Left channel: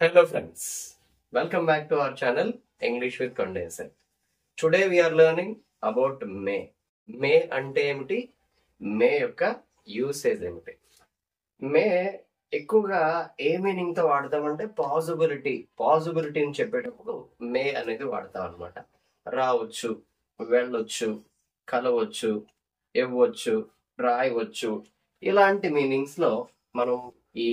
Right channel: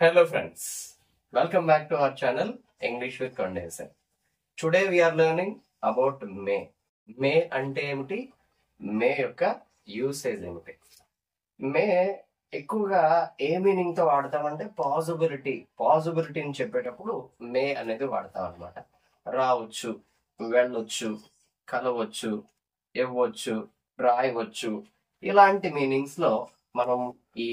Hello friends, welcome back to our channel English with Condenser. Today we are learning about may. May ante emiti, may yokka usage emiti. May ఎక్కువగా a meaning తో వాడతామంటే possibility అని చెప్పేటప్పుడు మే అనేది వాడతాం అనమాట. రావచ్చు, వెళ్ళొచ్చు, కలవచ్చు, ఇవ్వచ్చు, రాయవచ్చు, ఇలాంటి మీనింగ్స్ లో మనం ఈ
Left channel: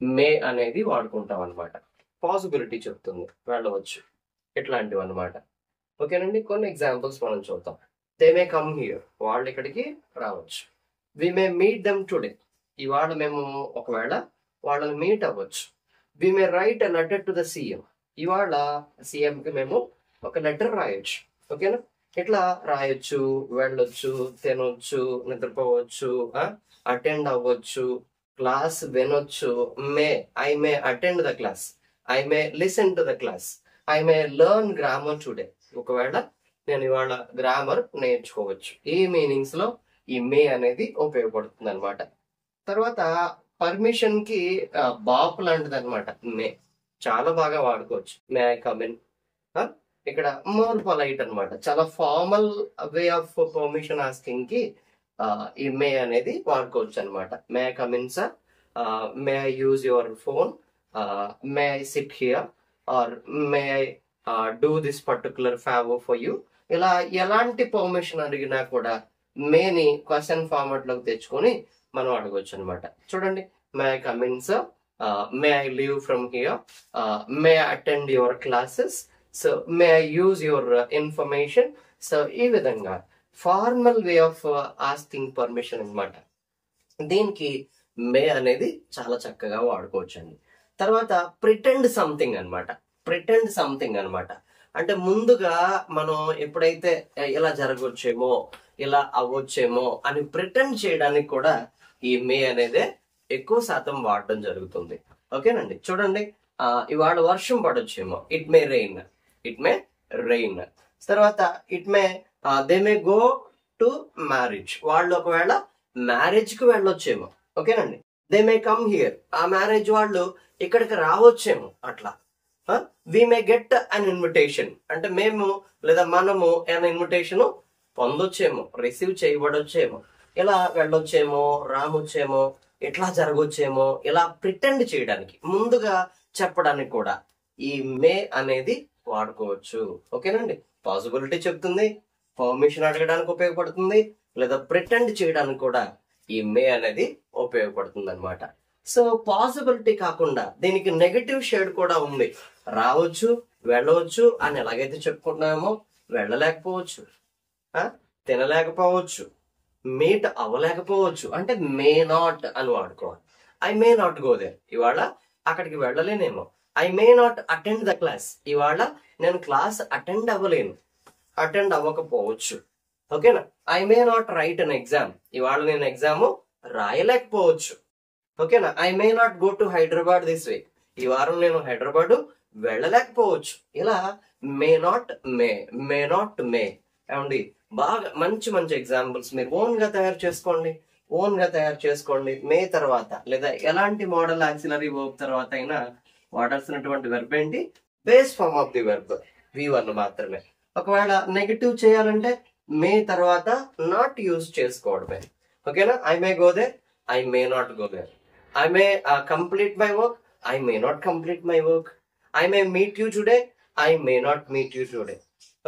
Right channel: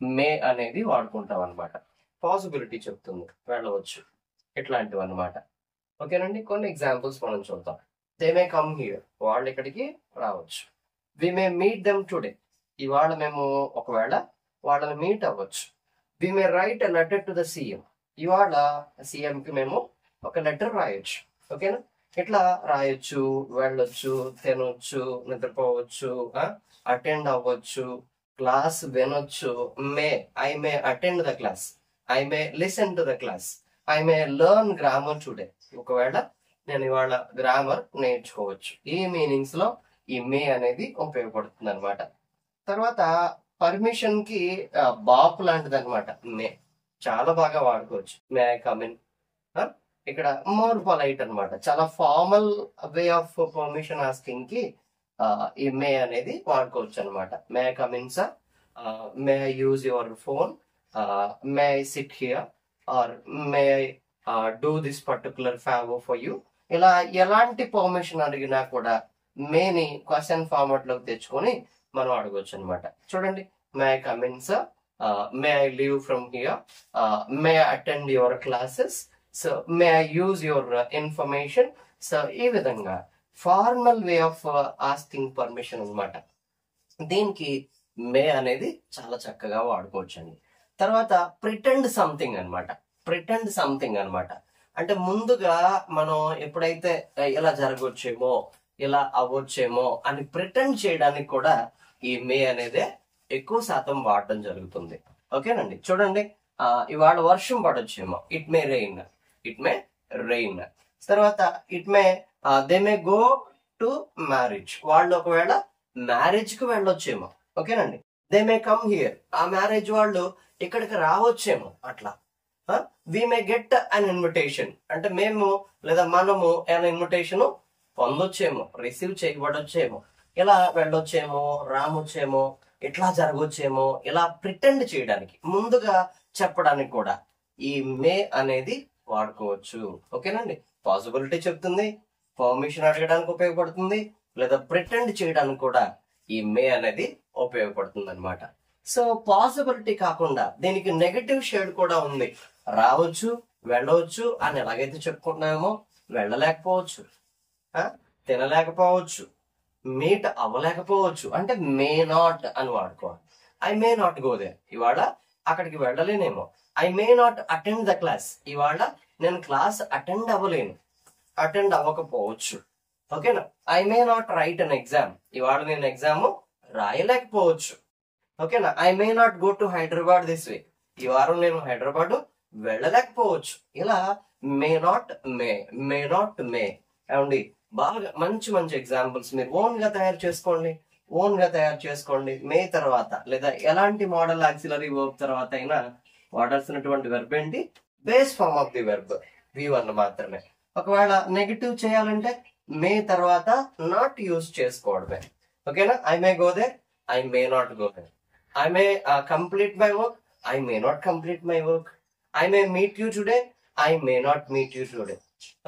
మే అనేది వాడుకుంటాం అనమాట. పాసిబిలిటీ చెప్తుంది, వెళ్ళవచ్చు, ఇట్లాంటివి అనమాట. ఓకేనండి, కొన్ని ఎగ్జాంపుల్స్ మనం చూద్దాం. దే మే కమ్ హియర్, వాళ్ళు ఇక్కడికి రావచ్చు. We may meet them today, ఇవాళ మేము ఒకవేళ వాళ్ళని మీట్ అవ్వచ్చు. We may write a letter to the CM, ఇవాళ సీఎం కి మేము ఒక లెటర్ రాయొచ్చు. ఓకేనా, ఇట్లా రాయొచ్చు, వెళ్ళొచ్చు, తినొచ్చు, నిద్రపోవచ్చు, అటెండ్ అవ్వచ్చు, క్లాస్ వినొచ్చు. I may attend the class, I may listen to the class, I may learn grammar today, ఒకవేళ నేను ఇవాళ గ్రామర్ నేర్చుకోవచ్చు. ఈ మీనింగ్స్ లో ఈ మే అనేది ఉపయోగపడుతుంది అనమాట. తర్వాత పర్మిషన్ కి బాప్ లాంటిది అనమాట. మే చాలా బాగా వాడుకోవచ్చు. మే ఐ కమ్ ఇన్, ఇక్కడ మోర్ పొలైట్ అనమాట. చాలా formal way of permission asking కి ఈ మే అనేది వాడుకోవచ్చు అనమాట. May I come in sir, may I use your phone, may I sit here, or may I do this particular favour for you. ఇలా ఎలాంటి permission అడిగినా కూడా మేని క్వశ్చన్ ఫార్మాట్ లోకి తెచ్చుకొని మనం అడగొచ్చు అనమాట. చూడండి, మే I come in sir, may I leave from here, may I attend your classes, so May I use your information. So ఈ విధంగా formal way of asking permission అనమాట. దీనికి మే అనేది చాలా చక్కగా వాడుకోవచ్చు అండి. తర్వాత ప్రిటెండ్ సంథింగ్ అనమాట. అంటే ముందుగా మనం ఎప్పుడైతే ఇలా జరగవచ్చేమో, ఇలా అవ్వచ్చేమో అని ప్రిటెండ్ చేయడానికి కూడా ఈ మే అనేది ఎక్కువ శాతం వాడటం జరుగుతుంది. ఓకేనండి, చూడండి, ఇవాళ వర్షం పడొచ్చేమో, ఇట్ మే రెయిన్. తర్వాత it may they may go to marriage, వాళ్ళు ఒకవేళ మ్యారేజ్ కి వెళ్ళొచ్చేమో. ఓకేనండి, దే మే కమ్ హియర్, ఆ మ్యారేజ్ వాళ్ళు ఇక్కడికి రావచ్చేమో. అట్లా వి మే గెట్ అన్ ఇన్విటేషన్, అంటే మేము లేదా మనము అన్ ఇన్విటేషన్ పొందొచ్చేమో, రిసీవ్ చేయబడొచ్చేమో, ఇలా వెళ్ళొచ్చేమో, రామొచ్చేమో, ఇట్లా జరగొచ్చేమో, ఇలా ప్రిటెండ్ చేయడానికి, ముందుగా చెప్పడానికి కూడా ఈ మే అనేది వాడుకోవచ్చు. ఓకేనండి, పాసిబిలిటీ చెప్తుంది, పర్మిషన్ అడగడానికి ఉపయోగపడుతుంది, లేదా ప్రిటెండ్ చేయడానికి కూడా ఈ మే అనేది ఉపయోగపడుతుంది అనమాట. సో పాసిబిలిటీ కాకుండా దీనికి నెగటివ్ షేడ్ కూడా ఉంది. రావచ్చు, వెళ్ళవచ్చు అని ఎలాగైతే చెప్పుకుంటున్నామో, వెళ్ళలేకపోవచ్చు, తినలేకపోవచ్చు, మీట్ అవ్వలేకపోవచ్చు, అంటే మే నాట్ అని వాడుకోవాలి. I may not go there, ఇవాళ అక్కడికి వెళ్ళలేనేమో. I may not attend the class, ఇవాళ నేను క్లాస్ అటెండ్ అవ్వకపోవచ్చు. ఓకేనా, I may not write an exam, ఇవాళ నేను ఎగ్జామ్ రాయలేకపోవచ్చు. ఓకేనా, I may not go to Hyderabad this week, ఈ వారం నేను హైదరాబాద్ వెళ్ళలేకపోవచ్చు. ఇలా మే నాట్ మే ఏమండి, బాగా మంచి ఎగ్జాంపుల్స్ మీరు ఓన్ గా తయారు చేసుకోండి. మే తర్వాత లేదా ఎలాంటి మోడల్ ఆక్సిలరీ వర్బ్ తర్వాత అయినా వాడాల్సినటువంటి వెర్బ్ ఏంటి? Base form of the verb V1 మాత్రమే. ఒకవేళ నెగటివ్ చేయాలంటే మే తర్వాత నాట్ యూజ్ చేసుకోవడమే. ఓకేనా, I may go there, I may not go there. I may complete my work, I may not complete my work. I may meet you today, I may not meet you today.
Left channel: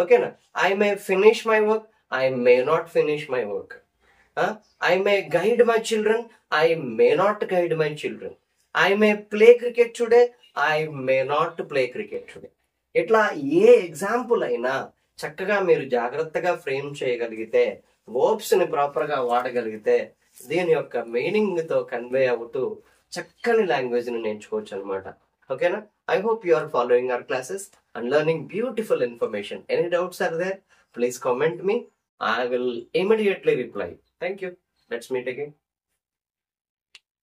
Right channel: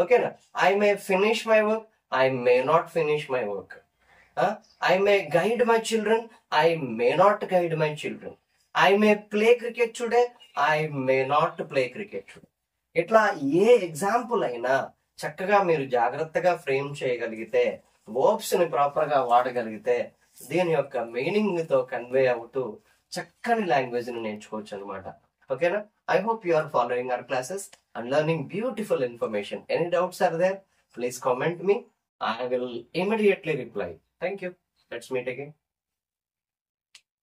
ఓకేనా, I may finish my work, I may not finish my work. I may guide my children, I may not guide my children. I may play cricket today, I may not play cricket today. ఇట్లా ఏ example అయినా చక్కగా మీరు జాగ్రత్తగా frame చేయగలిగితే, verbs ని proper గా వాడగలిగితే, దీని యొక్క మీనింగ్ తో కన్వే అవుతూ చక్కని లాంగ్వేజ్ ని నేర్చుకోవచ్చు అనమాట. ఓకేనా, I hope you are following our classes and learning beautiful information. Any doubts are there? Please comment me. I will immediately reply. Thank you. Let's meet again.